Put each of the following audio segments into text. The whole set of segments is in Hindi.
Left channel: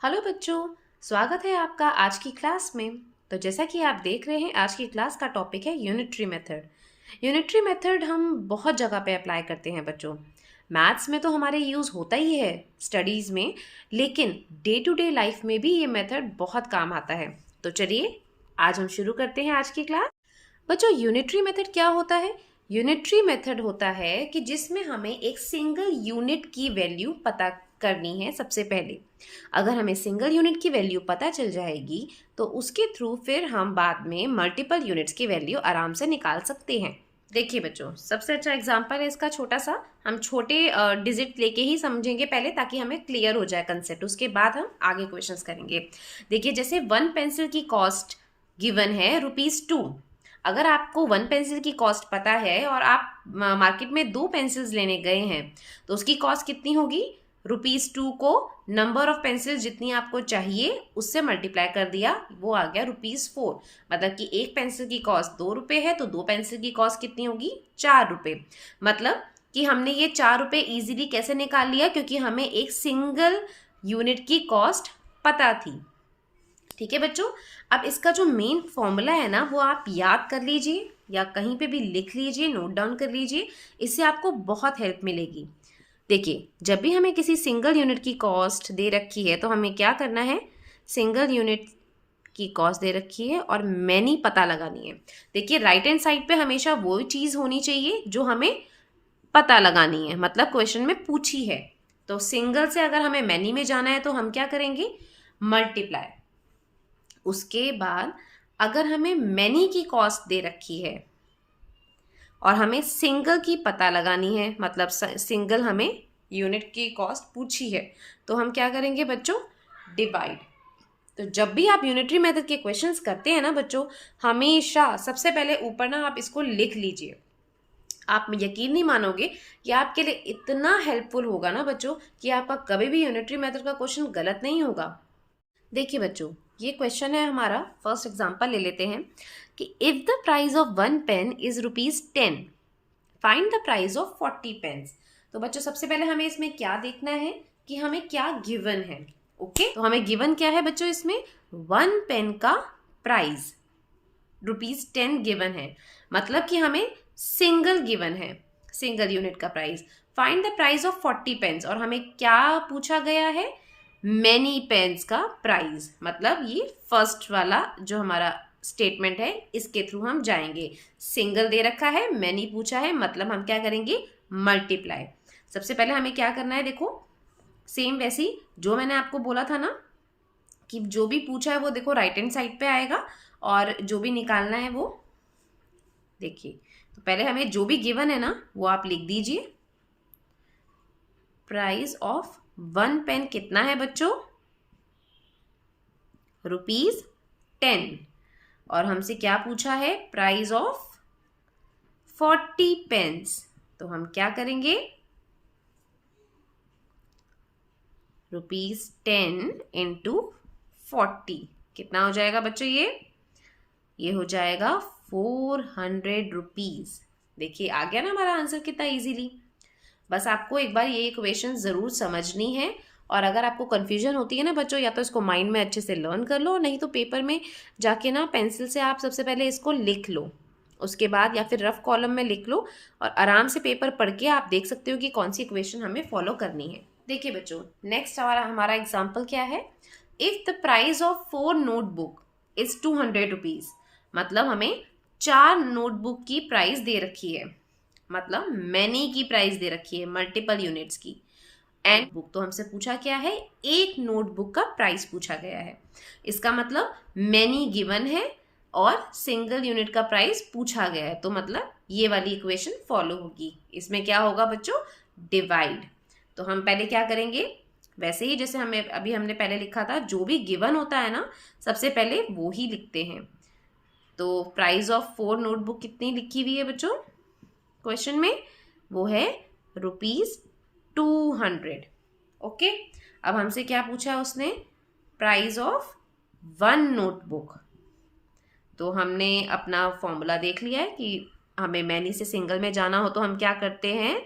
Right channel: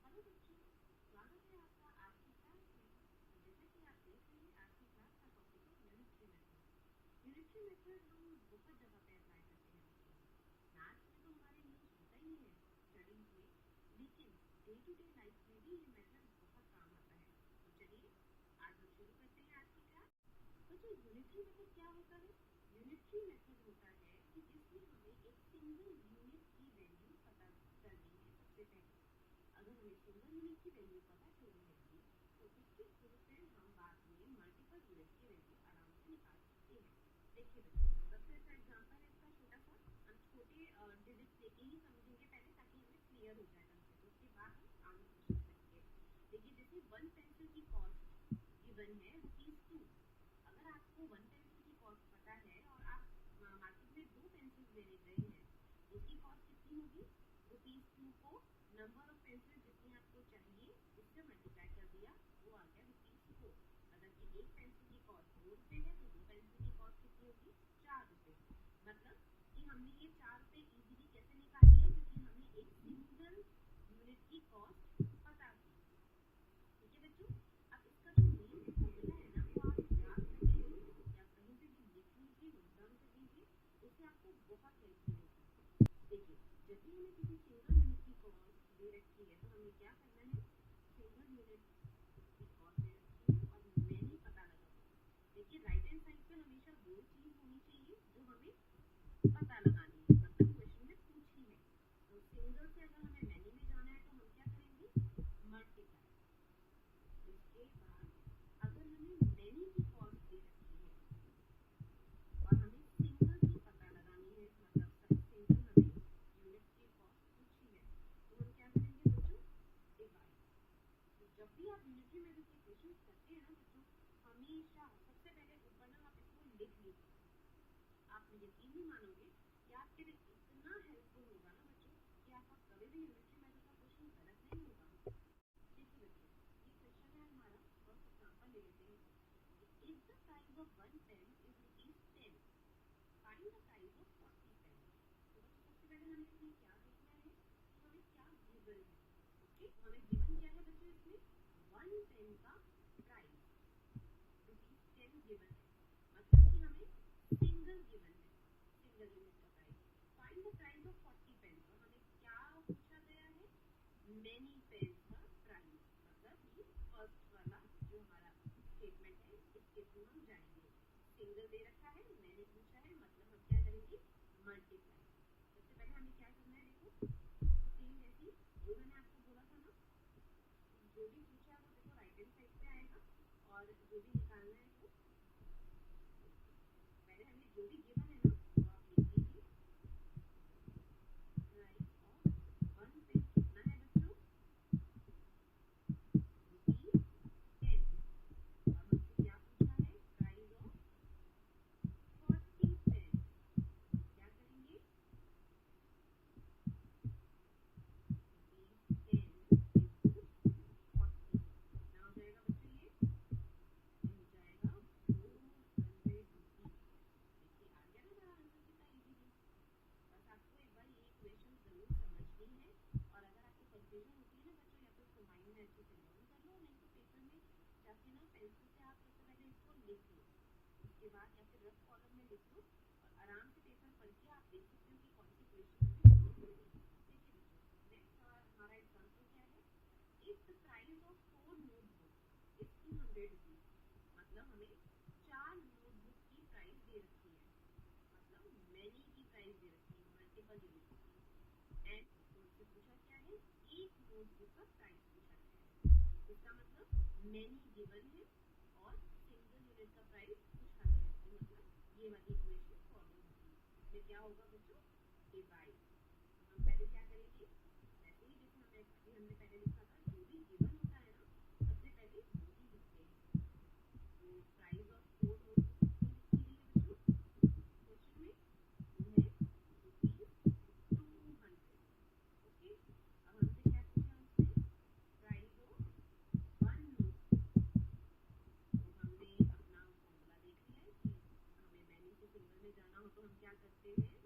हेलो बच्चों, स्वागत है आपका आज की क्लास में। तो जैसा कि आप देख रहे हैं, आज की क्लास का टॉपिक है यूनिटरी मेथड। यूनिटरी मेथड हम बहुत जगह पे अप्लाई करते हैं बच्चों। मैथ्स में तो हमारे यूज़ होता ही है, स्टडीज़ में, लेकिन डे टू डे लाइफ में भी ये मेथड बहुत काम आता है। तो चलिए आज हम शुरू करते हैं आज की क्लास। बच्चों, यूनिटरी मेथड क्या होता है? यूनिटरी मेथड होता है कि जिसमें हमें एक सिंगल यूनिट की वैल्यू पता करनी है। सबसे पहले अगर हमें सिंगल यूनिट की वैल्यू पता चल जाएगी तो उसके थ्रू फिर हम बाद में मल्टीपल यूनिट्स की वैल्यू आराम से निकाल सकते हैं। देखिए बच्चों, सबसे अच्छा एग्जांपल है इसका छोटा सा। हम छोटे डिजिट लेके ही समझेंगे पहले, ताकि हमें क्लियर हो जाए कंसेप्ट, उसके बाद हम आगे क्वेश्चंस करेंगे। देखिए, जैसे वन पेंसिल की कॉस्ट गिवन है ₹2। अगर आपको वन पेंसिल की कॉस्ट पता है और आप मार्केट में दो पेंसिल्स लेने गए हैं, तो उसकी कॉस्ट कितनी होगी? ₹2 को नंबर ऑफ पेंसिल जितनी आपको चाहिए उससे मल्टीप्लाई कर दिया, वो आ गया ₹4। मतलब कि एक पेंसिल की कॉस्ट ₹2 है, तो दो पेंसिल की कॉस्ट कितनी होगी? ₹4। मतलब कि हमने ये ₹4 इजीली कैसे निकाल लिया? क्योंकि हमें एक सिंगल यूनिट की कॉस्ट पता थी। ठीक है बच्चों, अब इसका जो मेन फॉर्मूला है ना, वो आप याद कर लीजिए या कहीं पे भी लिख लीजिए, नोट डाउन कर लीजिए। इससे आपको बहुत हेल्प मिलेगी। देखिए, जब भी हमें किसी सिंगल यूनिट की कॉस्ट दे रखी है तो हमें क्या करना है? सिंगल यूनिट की कॉस्ट दे रखी है और मैनी पता लगानी है। देखिए, राइट हैंड साइड पे हमेशा वो चीज़ होनी चाहिए जो हमें पता लगानी है, मतलब क्वेश्चन में पूछी है। तो सिंगल से अगर हमें मैनी में जाना है तो हम क्या करेंगे? मल्टीप्लाई। उसके बाद अगर हमें मैनी की कॉस्ट दे रखी है और हमें सिंगल की पता लगानी है, मतलब सिंगल हमें यूनिट की कॉस्ट पूछी है, तो हम क्या करेंगे बच्चों? डिवाइड। तो जब भी आप यूनिटरी मेथड के क्वेश्चंस करते हैं ना बच्चों, हमेशा सबसे पहले ऊपर ना आप इसको लिख लीजिए। आप यकीन नहीं मानोगे कि आपके लिए इतना हेल्पफुल होगा ना बच्चों, कि आपका कभी भी यूनिटरी मेथड का क्वेश्चन गलत नहीं होगा। देखिए बच्चों, ये क्वेश्चन है हमारा। फर्स्ट एग्जांपल ले लेते हैं कि if the price of one pen is ₹10, find the price of 40 pens. तो बच्चों, सबसे पहले हमें इसमें क्या देखना है कि हमें क्या गिवन है। ओके, तो हमें गिवन क्या है बच्चों? इसमें वन पेन का प्राइस ₹10 गिवन है, मतलब कि हमें सिंगल गिवन है, सिंगल यूनिट का price. Find the price of 40 pens, और हमें क्या पूछा गया है? मैनी पेन्स का प्राइस। मतलब ये फर्स्ट वाला जो हमारा स्टेटमेंट है, इसके थ्रू हम जाएंगे। सिंगल दे रखा है, मैनी पूछा है, मतलब हम क्या करेंगे? मल्टीप्लाई। सबसे पहले हमें क्या करना है? देखो, सेम वैसी जो मैंने आपको बोला था ना, कि जो भी पूछा है वो देखो राइट हैंड साइड पे आएगा, और जो भी निकालना है वो देखिए। तो पहले हमें जो भी गिवन है ना, वो आप लिख दीजिए। प्राइस ऑफ वन पेन कितना है बच्चों? ₹10। और हमसे क्या पूछा है? Price of 40 pens. तो हम क्या करेंगे? ₹10 इंटू 40 कितना हो जाएगा बच्चों? ये हो जाएगा ₹400। देखिए, आ गया ना हमारा आंसर कितना इजीली। बस आपको एक बार ये इक्वेशन ज़रूर समझनी है। और अगर आपको कन्फ्यूजन होती है ना बच्चों, या तो इसको माइंड में अच्छे से लर्न कर लो, नहीं तो पेपर में जाके ना पेंसिल से आप सबसे पहले इसको लिख लो, उसके बाद या फिर रफ कॉलम में लिख लो, और आराम से पेपर पढ़ के आप देख सकते हो कि कौन सी इक्वेशन हमें फॉलो करनी है। देखिए बच्चों, नेक्स्ट हमारा एग्जाम्पल क्या है? If the price of 4 notebook is ₹200, मतलब हमें 4 नोटबुक की प्राइस दे रखी है, मतलब मैनी की प्राइस दे रखी है, मल्टीपल यूनिट्स की। एंड बुक तो हमसे पूछा क्या है? एक नोटबुक का प्राइस पूछा गया है। इसका मतलब मैनी गिवन है और सिंगल यूनिट का प्राइस पूछा गया है, तो मतलब ये वाली इक्वेशन फॉलो होगी। इसमें क्या होगा बच्चों? डिवाइड। तो हम पहले क्या करेंगे? वैसे ही जैसे हमने पहले लिखा था, जो भी गिवन होता है ना, सबसे पहले वो ही लिखते हैं। तो प्राइस ऑफ 4 नोटबुक कितनी लिखी हुई है बच्चों क्वेश्चन में? वो है ₹200। ओके, अब हमसे क्या पूछा है उसने? Price of 1 notebook. तो हमने अपना फॉर्मूला देख लिया है कि हमें मैनी से सिंगल में जाना हो तो हम क्या करते हैं?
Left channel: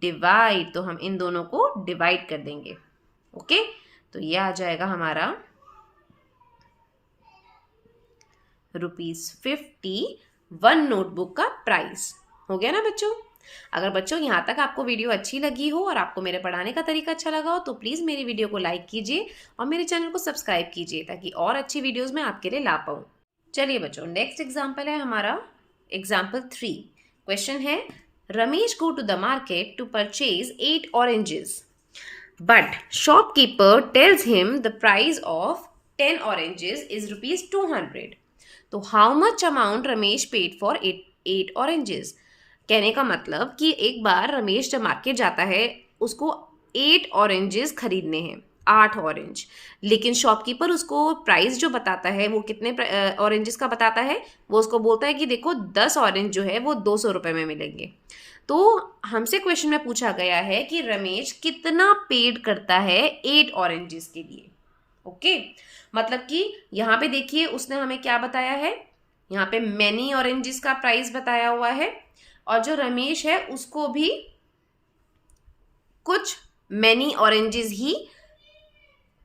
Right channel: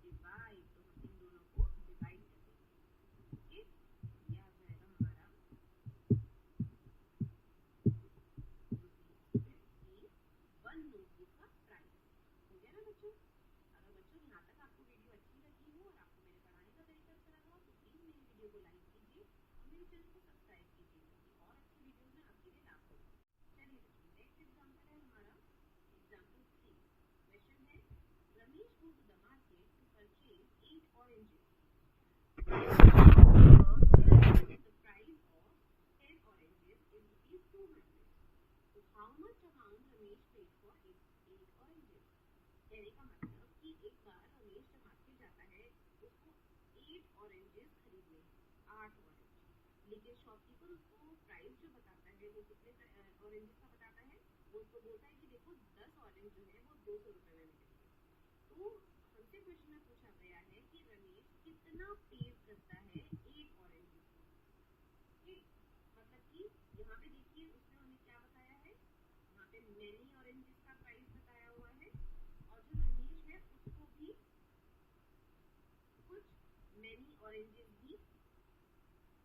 डिवाइड। तो हम इन दोनों को डिवाइड कर देंगे। ओके, तो ये आ जाएगा हमारा ₹50 वन नोटबुक का प्राइस। हो गया ना बच्चों। अगर बच्चों यहाँ तक आपको वीडियो अच्छी लगी हो और आपको मेरे पढ़ाने का तरीका अच्छा लगा हो तो प्लीज़ मेरी वीडियो को लाइक कीजिए और मेरे चैनल को सब्सक्राइब कीजिए ताकि और अच्छी वीडियोस मैं आपके लिए ला पाऊँ। चलिए बच्चों, नेक्स्ट एग्जाम्पल है हमारा एग्जाम्पल 3। क्वेश्चन है, Ramesh go to the market to purchase 8 oranges but shopkeeper tells him the price of 10 oranges is ₹200। तो how much amount Ramesh paid for 8 oranges. कहने का मतलब कि एक बार रमेश जब मार्केट जाता है उसको 8 ऑरेंजेस खरीदने हैं, 8 ऑरेंज, लेकिन शॉपकीपर उसको प्राइस जो बताता है वो कितने ऑरेंजेस का बताता है, वो उसको बोलता है कि देखो 10 ऑरेंज जो है वो 200 रुपये में मिलेंगे। तो हमसे क्वेश्चन में पूछा गया है कि रमेश कितना पेड करता है 8 ऑरेंजेस के लिए। ओके, मतलब कि यहाँ पे देखिए उसने हमें क्या बताया है, यहाँ पे मैनी ऑरेंजेस का प्राइस बताया हुआ है और जो रमेश है उसको भी कुछ मैनी ऑरेंजेस ही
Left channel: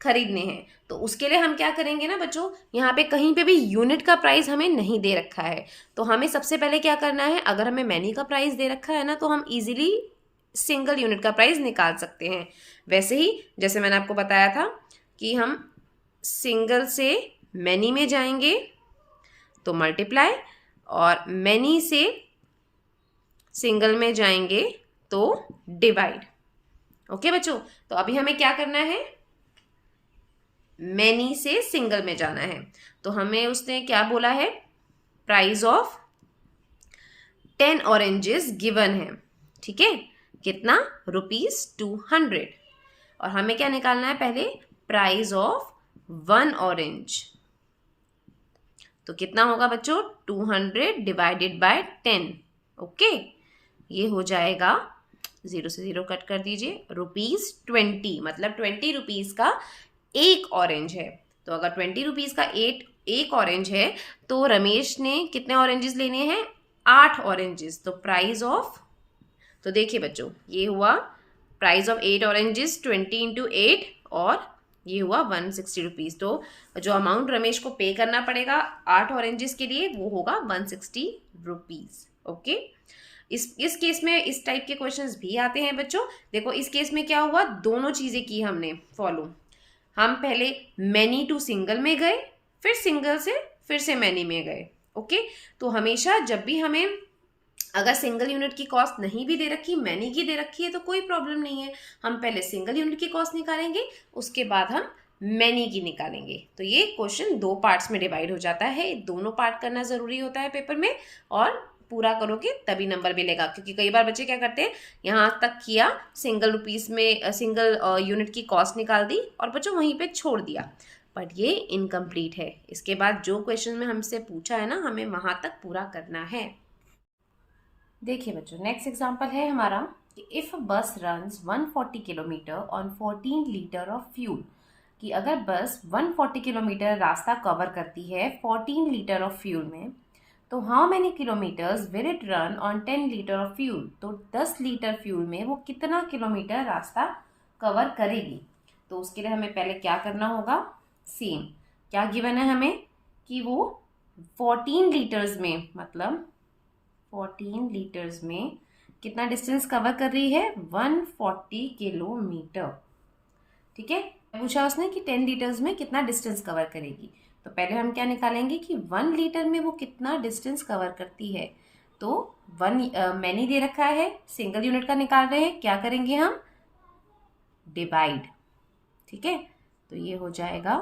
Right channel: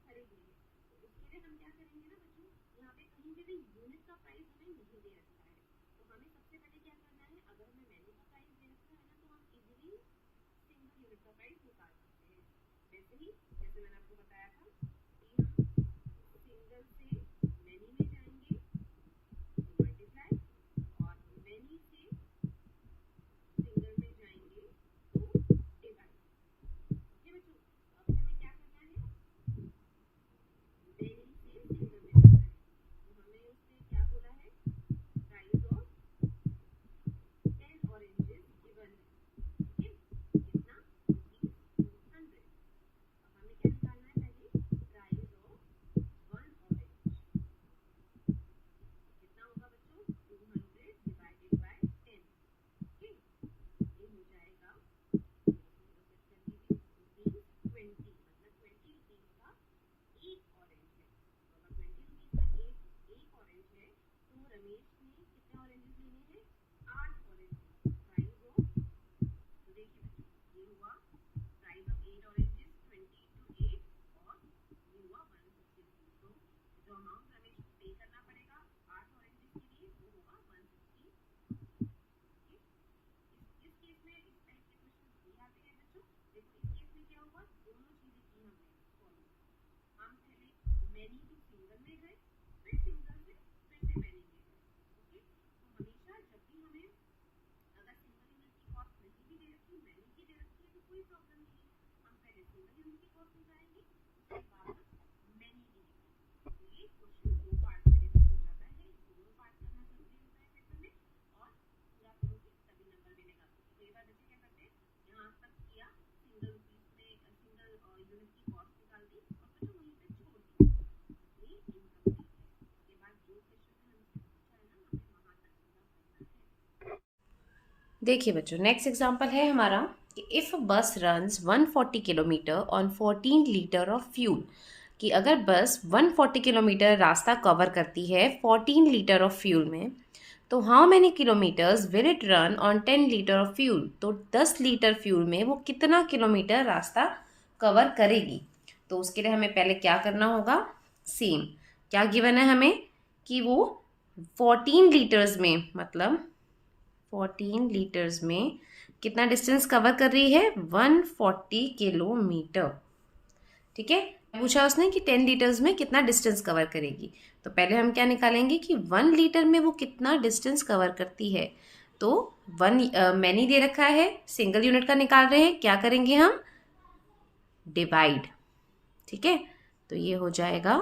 खरीदने हैं। तो उसके लिए हम क्या करेंगे ना बच्चों, यहाँ पे कहीं पे भी यूनिट का प्राइस हमें नहीं दे रखा है, तो हमें सबसे पहले क्या करना है, अगर हमें मैनी का प्राइस दे रखा है ना तो हम इजीली सिंगल यूनिट का प्राइस निकाल सकते हैं। वैसे ही जैसे मैंने आपको बताया था कि हम सिंगल से मैनी में जाएंगे तो मल्टीप्लाई, और मैनी से सिंगल में जाएंगे तो डिवाइड। ओके बच्चों, तो अभी हमें क्या करना है, मैनी से सिंगल में जाना है। तो हमें उसने क्या बोला है, प्राइस ऑफ 10 ऑरेंजेस गिवन है, ठीक है, कितना, ₹200। और हमें क्या निकालना है, पहले प्राइस ऑफ 1 ऑरेंज। तो कितना होगा बच्चों, 200 डिवाइडेड बाय 10। ओके, ये हो जाएगा, 0 से 0 कट कर दीजिए, ₹20, मतलब 20 रुपीज़ का एक ऑरेंज है। तो अगर 20 रुपीज़ का एक ऑरेंज है तो रमेश ने कितने ऑरेंजेस लेने हैं, 8 ऑरेंजेस। तो प्राइस ऑफ, तो देखिए बच्चों ये हुआ प्राइस ऑफ 8 ऑरेंजेस 20 इंटू 8 और ये हुआ 160 रुपीज़। तो जो अमाउंट रमेश को पे करना पड़ेगा 8 ऑरेंजेस के लिए वो होगा 160 रुपीज़। ओके, इस केस में इस टाइप के क्वेश्चंस भी आते हैं बच्चों। देखो इस केस में क्या हुआ, दोनों चीज़ें की हमने फॉलो। हम पहले मैनी टू सिंगल में गए, फिर सिंगल से फिर से मैनी में गए। ओके, तो हमेशा जब भी हमें अगर सिंगल यूनिट की कॉस्ट नहीं भी दे रखी, मैनी की दे रखी है तो कोई प्रॉब्लम नहीं है, हम पहले सिंगल यूनिट की कॉस्ट निकालेंगे, उसके बाद हम मैनी की निकालेंगे। तो ये क्वेश्चन 2 पार्ट्स में डिवाइड हो जाता है, दोनों पार्ट करना ज़रूरी होता है पेपर में, और पूरा करोगे तभी नंबर मिलेगा। क्योंकि कई बार बच्चे क्या करते हैं, यहाँ तक किया, सिंगल रुपीज़ में सिंगल यूनिट की कॉस्ट निकाल दी और बच्चों वहीं पे छोड़ दिया, बट ये इनकम्प्लीट है। इसके बाद जो क्वेश्चन में हमसे पूछा है ना, हमें वहाँ तक पूरा करना है। देखिए बच्चों, नेक्स्ट एग्जांपल है हमारा कि इफ़ बस runs 140 kilometre on 14 litre of fuel, कि अगर बस 140 किलोमीटर रास्ता कवर करती है 14 लीटर ऑफ फ्यूल में, तो how many kilometres will it run on 10 litre of fuel. तो 10 लीटर फ्यूल में वो कितना किलोमीटर रास्ता कवर करेगी। तो उसके लिए हमें पहले क्या करना होगा, सेम क्या गिवन है हमें कि वो 14 लीटर्स में, मतलब 14 लीटर्स में कितना डिस्टेंस कवर कर रही है, 140 किलोमीटर। ठीक है, पूछा उसने कि 10 लीटर्स में कितना डिस्टेंस कवर करेगी। तो पहले हम क्या निकालेंगे कि 1 लीटर में वो कितना डिस्टेंस कवर करती है। तो 1 मैनी दे रखा है, सिंगल यूनिट का निकाल रहे हैं, क्या करेंगे हम, डिवाइड। ठीक है, तो ये हो जाएगा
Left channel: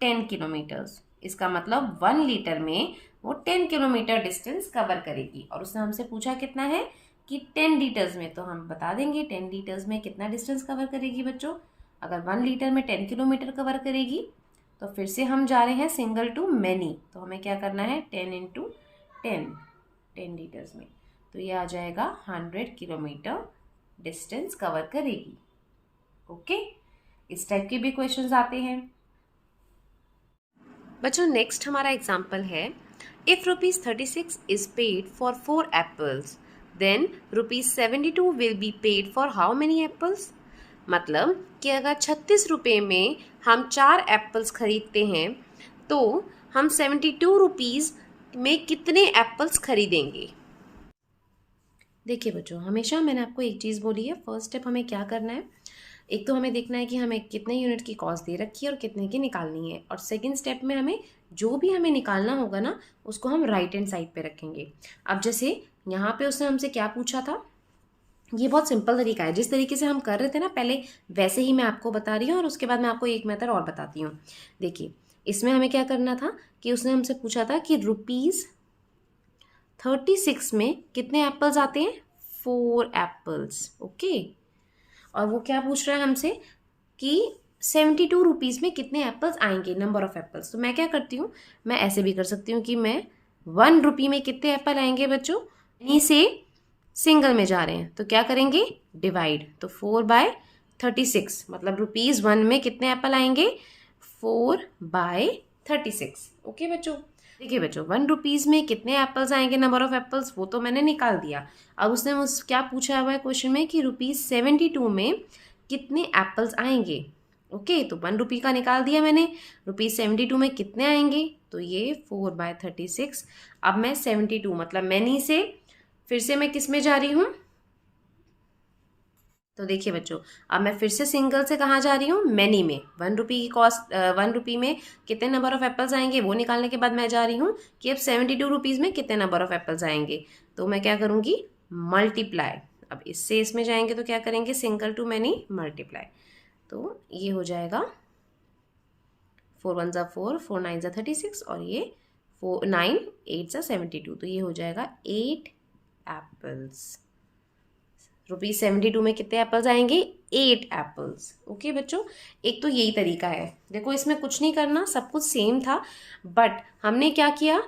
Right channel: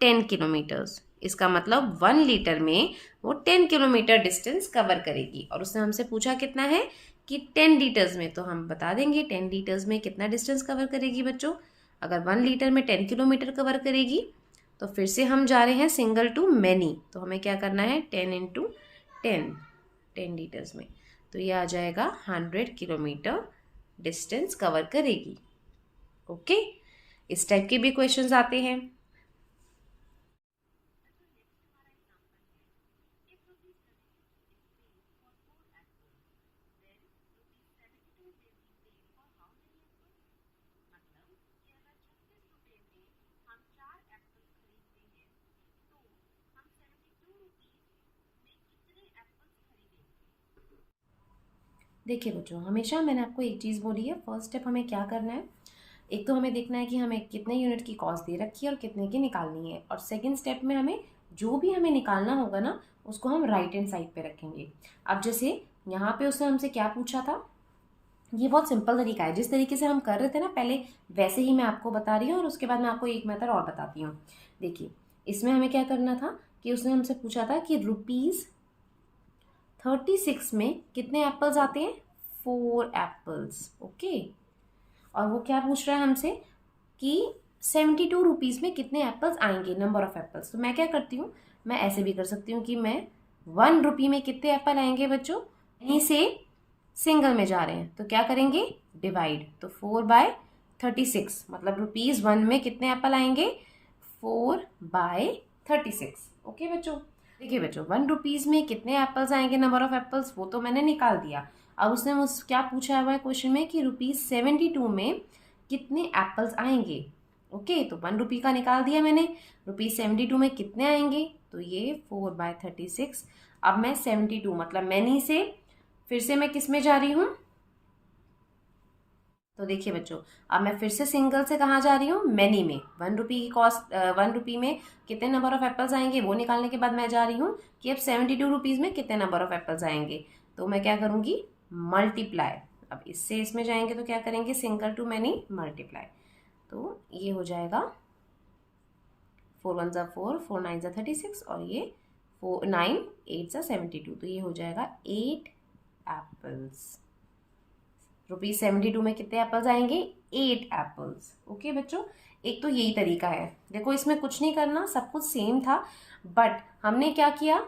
10 किलोमीटर्स। इसका मतलब 1 लीटर में वो 10 किलोमीटर डिस्टेंस कवर करेगी। और उसने हमसे पूछा कितना है कि 10 लीटर्स में, तो हम बता देंगे 10 लीटर्स में कितना डिस्टेंस कवर करेगी बच्चों। अगर 1 लीटर में 10 किलोमीटर कवर करेगी तो फिर से हम जा रहे हैं सिंगल टू मैनी, तो हमें क्या करना है, 10 इंटू 10 लीटर्स में, तो ये आ जाएगा 100 किलोमीटर डिस्टेंस कवर करेगी। ओके, इस टाइप के भी क्वेश्चंस आते हैं बच्चों। नेक्स्ट हमारा एग्जाम्पल है, if ₹36 is paid for 4 apples, then ₹72 will be paid for how many apples? मतलब कि अगर 36 रुपये में हम 4 एप्पल्स खरीदते हैं तो हम 72 रुपीज़ में कितने एप्पल्स खरीदेंगे। देखिए बच्चों, हमेशा मैंने आपको एक चीज़ बोली है, फर्स्ट स्टेप हमें क्या करना है, एक तो हमें देखना है कि हमें कितने यूनिट की कॉस्ट दे रखी है और कितने की निकालनी है, और सेकंड स्टेप में हमें जो भी हमें निकालना होगा ना उसको हम राइट हैंड साइड पे रखेंगे। अब जैसे यहाँ पे उसने हमसे क्या पूछा था, ये बहुत सिंपल तरीका है, जिस तरीके से हम कर रहे थे ना पहले वैसे ही मैं आपको बता रही हूँ, और उसके बाद मैं आपको एक मेथड और बताती हूँ। देखिए इसमें हमें क्या करना था कि उसने हमसे पूछा था कि ₹36 में कितने एप्पल्स आते हैं, 4 एप्पल्स। ओके, और वो क्या पूछ रहा है हमसे कि 72 रुपीज़ में कितने एप्पल्स आएंगे, नंबर ऑफ एप्पल्स। तो मैं क्या करती हूँ, मैं ऐसे भी कर सकती हूँ कि मैं 1 रुपये में कितने एप्पल आएंगे बच्चों, यहीं से सिंगल में जा रहे हैं तो क्या करेंगे, डिवाइड। तो 4/36 मतलब ₹1 में कितने एप्पल आएंगे, 4/36। ओके बच्चों, देखिए बच्चों 1 रुपीज़ में कितने एप्पल्स आएंगे, नंबर ऑफ एप्पल्स, वो तो मैंने निकाल दिया। अब उसने मुझसे क्या पूछा हुआ है क्वेश्चन में कि ₹72 में कितने एप्पल्स आएंगे। ओके, तो 1 रुपये का निकाल दिया मैंने, ₹72 में कितने आएंगे, तो ये 4/36। अब मैं 72 मतलब मैनी से फिर से मैं किस में जा रही हूँ, तो देखिए बच्चों अब मैं फिर से सिंगल से कहाँ जा रही हूँ, मैनी में। 1 रुपये की कॉस्ट, 1 रुपये में कितने नंबर ऑफ एप्पल्स आएंगे वो निकालने के बाद मैं जा रही हूँ कि अब 72 रुपीज़ में कितने नंबर ऑफ एप्पल्स आएंगे। तो मैं क्या करूँगी, मल्टीप्लाई। अब इससे इसमें जाएंगे तो क्या करेंगे, सिंगल टू मैनी मल्टीप्लाई। तो ये हो जाएगा 4 1 4, 4 9 36, और ये 4 9 8 72, तो ये हो जाएगा 8 एप्पल्स। ₹72 में कितने एप्पल्स आएंगे, 8 एप्पल्स। ओके बच्चों, एक तो यही तरीका है, देखो इसमें कुछ नहीं करना, सब कुछ सेम था, बट हमने क्या किया,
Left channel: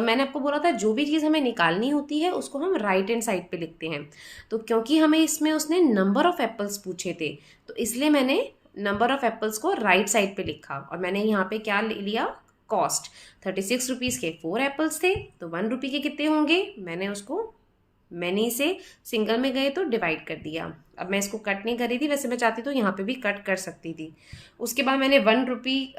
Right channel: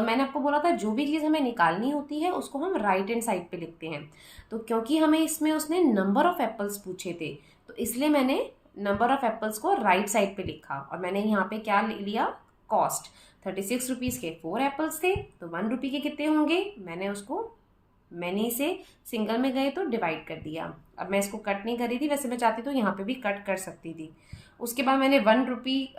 मैंने आपको बोला था जो भी चीज़ हमें निकालनी होती है उसको हम राइट हैंड साइड पे लिखते हैं। तो क्योंकि हमें इसमें उसने नंबर ऑफ एप्पल्स पूछे थे तो इसलिए मैंने नंबर ऑफ एप्पल्स को राइट साइड पे लिखा, और मैंने यहाँ पे क्या लिया, कॉस्ट। 36 रुपीज़ के 4 एप्पल्स थे तो 1 रुपये के कितने होंगे, मैंने उसको मैनी से सिंगल में गए तो डिवाइड कर दिया। अब मैं इसको कट नहीं कर रही थी, वैसे मैं चाहती तो यहाँ पे भी कट कर सकती थी। उसके बाद मैंने 1 रुपये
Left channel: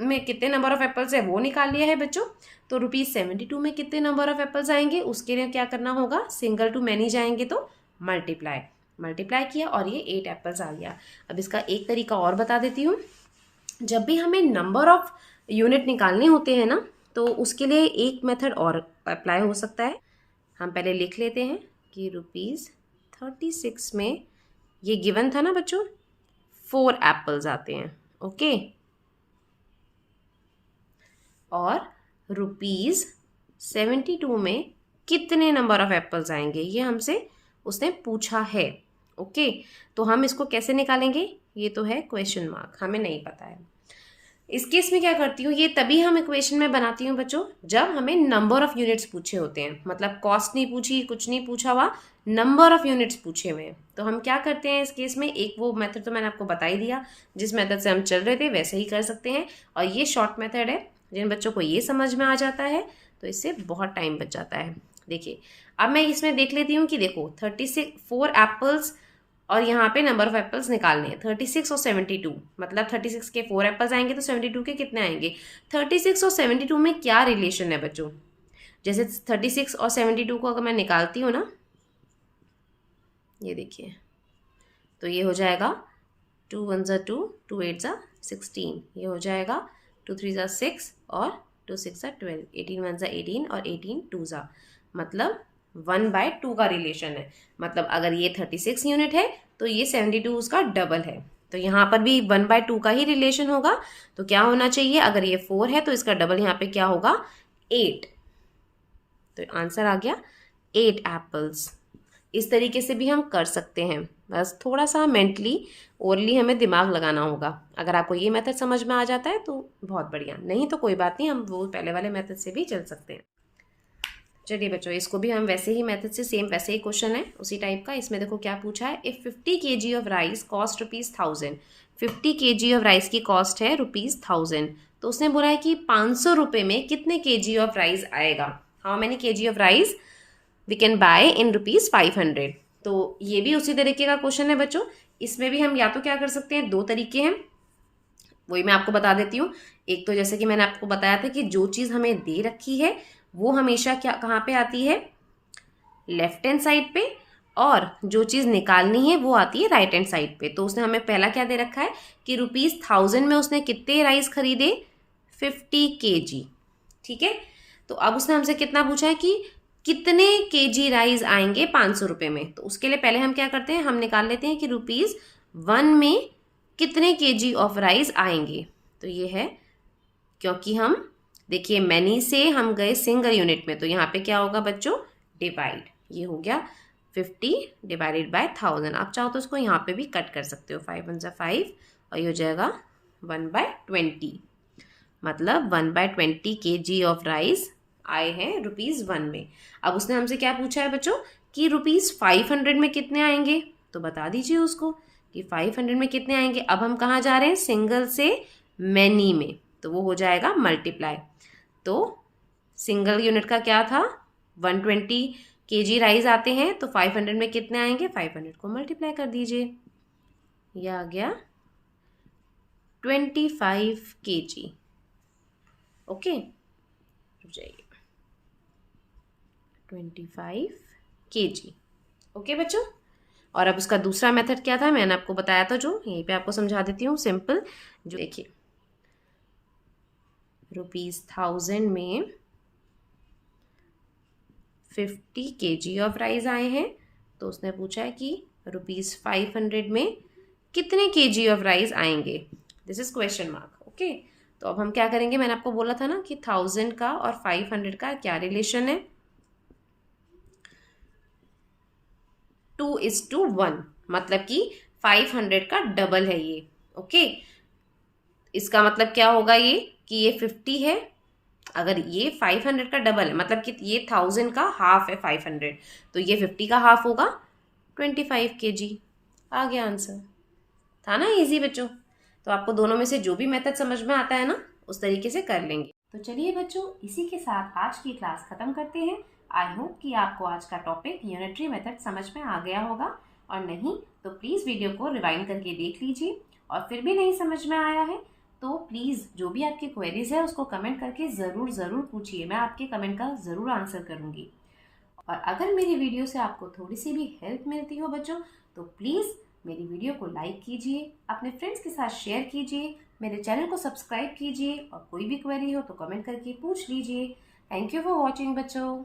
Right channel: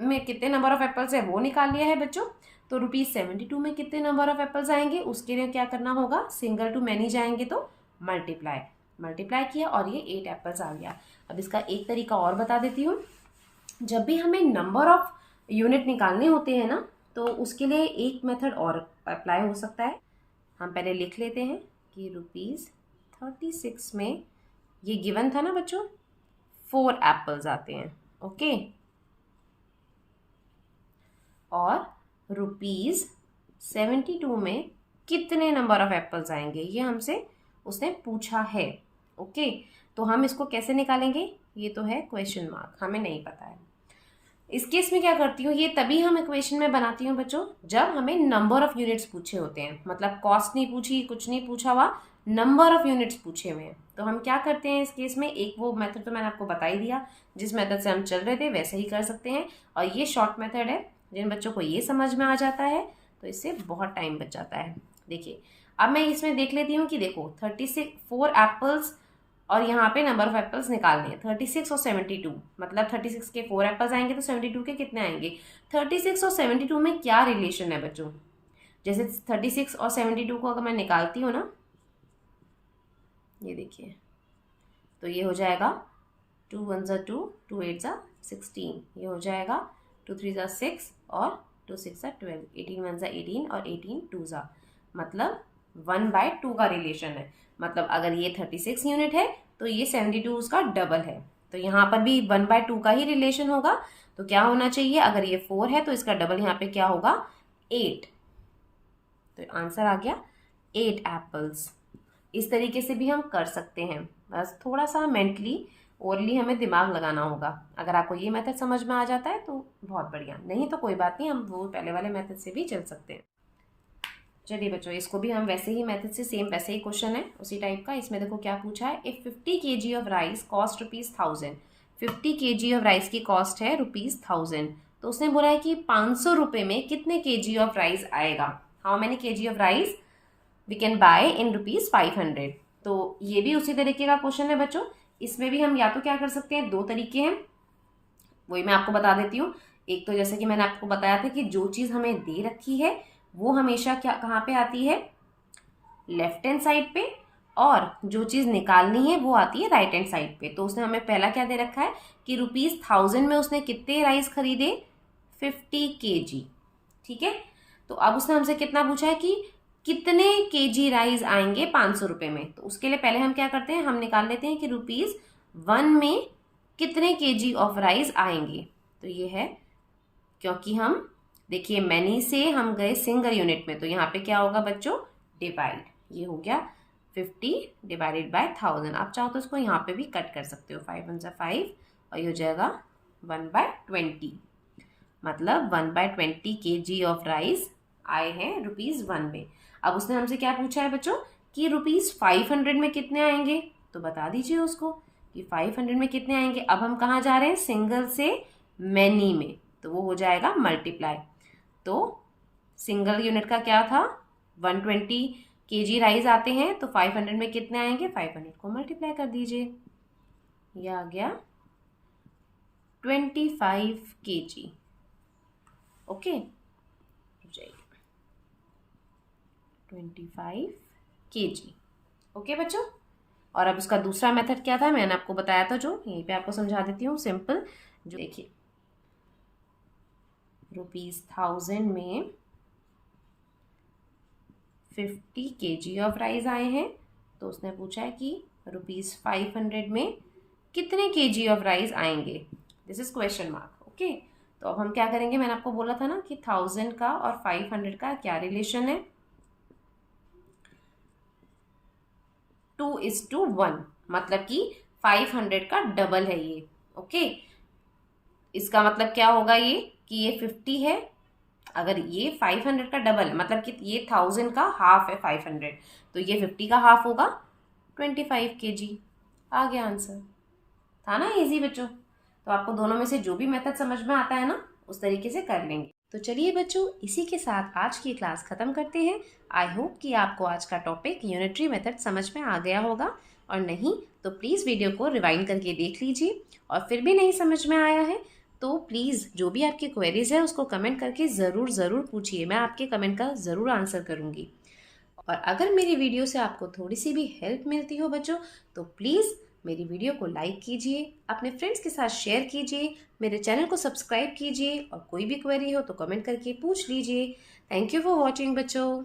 में कितने नंबर ऑफ एप्पल्स है वो निकाल लिया है बच्चों। तो ₹72 में कितने नंबर ऑफ एप्पल्स आएंगे उसके लिए क्या करना होगा, सिंगल टू मैनी जाएंगे तो मल्टीप्लाई किया और ये 8 एप्पल्स आ गया। अब इसका एक तरीका और बता देती हूँ, जब भी हमें नंबर ऑफ यूनिट निकालने होते हैं ना तो उसके लिए एक मेथड और अप्लाई हो सकता है। हम पहले लिख लेते हैं कि ₹36 में ये गिवन था ना बच्चों, 4 एप्पल्स आते हैं। ओके, और ₹72 में कितने नंबर ऑफ एप्पल्स आएंगे ये हमसे उसने पूछा है। ओके, तो हम इसको कैसे निकालेंगे, ये तो है क्वेश्चन मार्क, हमें नहीं पता है। इस केस में क्या करती हूँ, ये तभी हम इक्वेशन में बनाती हूँ बच्चों जब हमें नंबर ऑफ यूनिट्स पूछे होते हैं, मतलब कॉस्ट नहीं पूछी, कुछ नहीं पूछा हुआ, नंबर ऑफ यूनिट्स पूछे हुए हैं। तो हम क्या करते हैं इस केस में, एक वो मेथड तो मैंने आपको बता ही दिया, जिस मेथड से हम चल रहे थे वैसे ही कर सकते हैं, और ये शॉर्ट मेथड है। जिन बच्चों को ये समझ में आ जाता है तो इससे बहुत टाइम बच जाता है। देखिए अब मैं इसमें देख लेती हूँ कि देखो 4 एप्पल्स और यहाँ पे नंबर ऑफ एप्पल्स निकालने हैं, 36 और 72, मतलब 36 के 4 एप्पल्स आएंगे तो 72 के कितने आएंगे। 36 और 72 में क्या रिलेशन है बच्चों, जैसे 36 और 72 को अगर मैं निकालती हूँ ना, ये देखिए, तो ये हो जाएगा 2 1 2, 2 8 16, ये हो जाएगा 2 3 6 और 2 6 12, 18 1 18 और 18 2 मतलब 1/2 का रिलेशन है। मतलब अगर ये 36 यूनिट है तो ये 72 उसका डबल है, तो यहाँ पर भी 1/2 का ही रिलेशन होगा। तो क्या होना चाहिए, अगर ये 4 है तो इसका डबल यहाँ पे क्या होगा, 8। तो आंसर आ गया 8 एप्पल्स। इस तरीके से भी हम कर सकते हैं, बस थोड़ा सा मेंटली ओरली हमें दिमाग लगाना होगा। अगर आपको ये मेथड समझ में आ जाता है तो बहुत बढ़िया, नहीं तो कोई बात नहीं, हम वो पहले वाले मेथड से भी चल सकते हैं। चलिए बच्चों, इसको भी हम वैसे ही मेथड से, सेम वैसे ही क्वेश्चन है उसी टाइप का। इसमें देखो क्या पूछा है, if 50 kg of rice cost ₹1000, 50 kg of rice की कॉस्ट है ₹1000, तो उसने बोला है कि 500 रुपये में कितने kg ऑफ राइस आएगा, how many kg of rice we can buy in ₹500। तो ये भी उसी तरीके का क्वेश्चन है बच्चों, इसमें भी हम या तो क्या कर सकते हैं, 2 तरीके हैं, वही मैं आपको बता देती हूँ। एक तो जैसे कि मैंने आपको बताया था कि जो चीज़ हमें दे रखी है वो हमेशा क्या कहाँ पे आती है, लेफ्ट हैंड साइड पे, और जो चीज़ निकालनी है वो आती है राइट हैंड साइड पे। तो उसने हमें पहला क्या दे रखा है कि ₹1000 में उसने कितने राइस खरीदे, 50 kg। ठीक है, तो अब उसने हमसे कितना पूछा है कि कितने केजी राइस आएंगे 500 रुपये में। तो उसके लिए पहले हम क्या करते हैं, हम निकाल लेते हैं कि ₹1 में कितने केजी ऑफ राइस आएंगे। तो ये है, क्योंकि हम देखिए मैनी से हम गए सिंगल यूनिट में, तो यहाँ पे क्या होगा बच्चों, डिवाइड, ये हो गया 50 डिवाइडेड बाय 1000। आप चाहो तो उसको यहाँ पे भी कट कर सकते हो, 5 1 5, और ये हो जाएगा 1/20, मतलब 1/20 kg ऑफ राइस आए हैं ₹1 में। अब उसने हमसे क्या पूछा है बच्चों कि ₹500 में कितने आएंगे, तो बता दीजिए उसको कि 500 में कितने आएंगे। अब हम कहाँ जा रहे हैं, सिंगल से मैनी में, तो वो हो जाएगा मल्टीप्लाई। तो सिंगल यूनिट का क्या था, 120 kg राइस आते हैं, तो 500 में कितने आएंगे, 500 को मल्टीप्लाई कर दीजिए, यह आ गया 25 kg। ओके, जाइए 25 kg। ओके बच्चों, और अब उसका दूसरा मेथड क्या था, मैंने आपको बताया था, जो यहीं पे आपको समझा देती हूँ सिंपल। जो देखिए ₹1000 में 50 kg ऑफ राइस आए हैं, तो उसने पूछा है कि ₹500 में कितने kg ऑफ राइस आएंगे, this is question mark. Okay, तो अब हम क्या करेंगे, मैंने आपको बोला था ना कि 1000 का और 500 का क्या रिलेशन है, 2:1, मतलब कि 500 का डबल है ये। ओके, इसका मतलब क्या होगा ये कि ये 50 है, अगर ये 500 का डबल है मतलब कि ये 1000 का हाफ है 500, तो ये 50 का हाफ होगा 25 kg। आ गया आंसर, था ना इजी बच्चों। तो आपको दोनों में से जो भी मेथड समझ में आता है ना, उस तरीके से कर लेंगे। तो चलिए बच्चों, इसी के साथ आज की क्लास खत्म करते हैं। आई होप कि आपको आज का टॉपिक यूनिटरी मेथड समझ में आ गया होगा, और नहीं तो प्लीज़ वीडियो को रिवाइंड करके देख लीजिए, और फिर भी नहीं समझ में आया है तो प्लीज़ जो भी आपकी क्वेरीज है उसको कमेंट करके ज़रूर पूछिए, मैं आपके कमेंट का ज़रूर आंसर करूँगी। और अगर मेरी वीडियो से आपको थोड़ी सी भी हेल्प मिलती हो बच्चों, तो प्लीज़ मेरी वीडियो को लाइक कीजिए, अपने फ्रेंड्स के साथ शेयर कीजिए, मेरे चैनल को सब्सक्राइब कीजिए, और कोई भी क्वेरी हो तो कमेंट करके पूछ लीजिए। थैंक यू फॉर वॉचिंग बच्चों।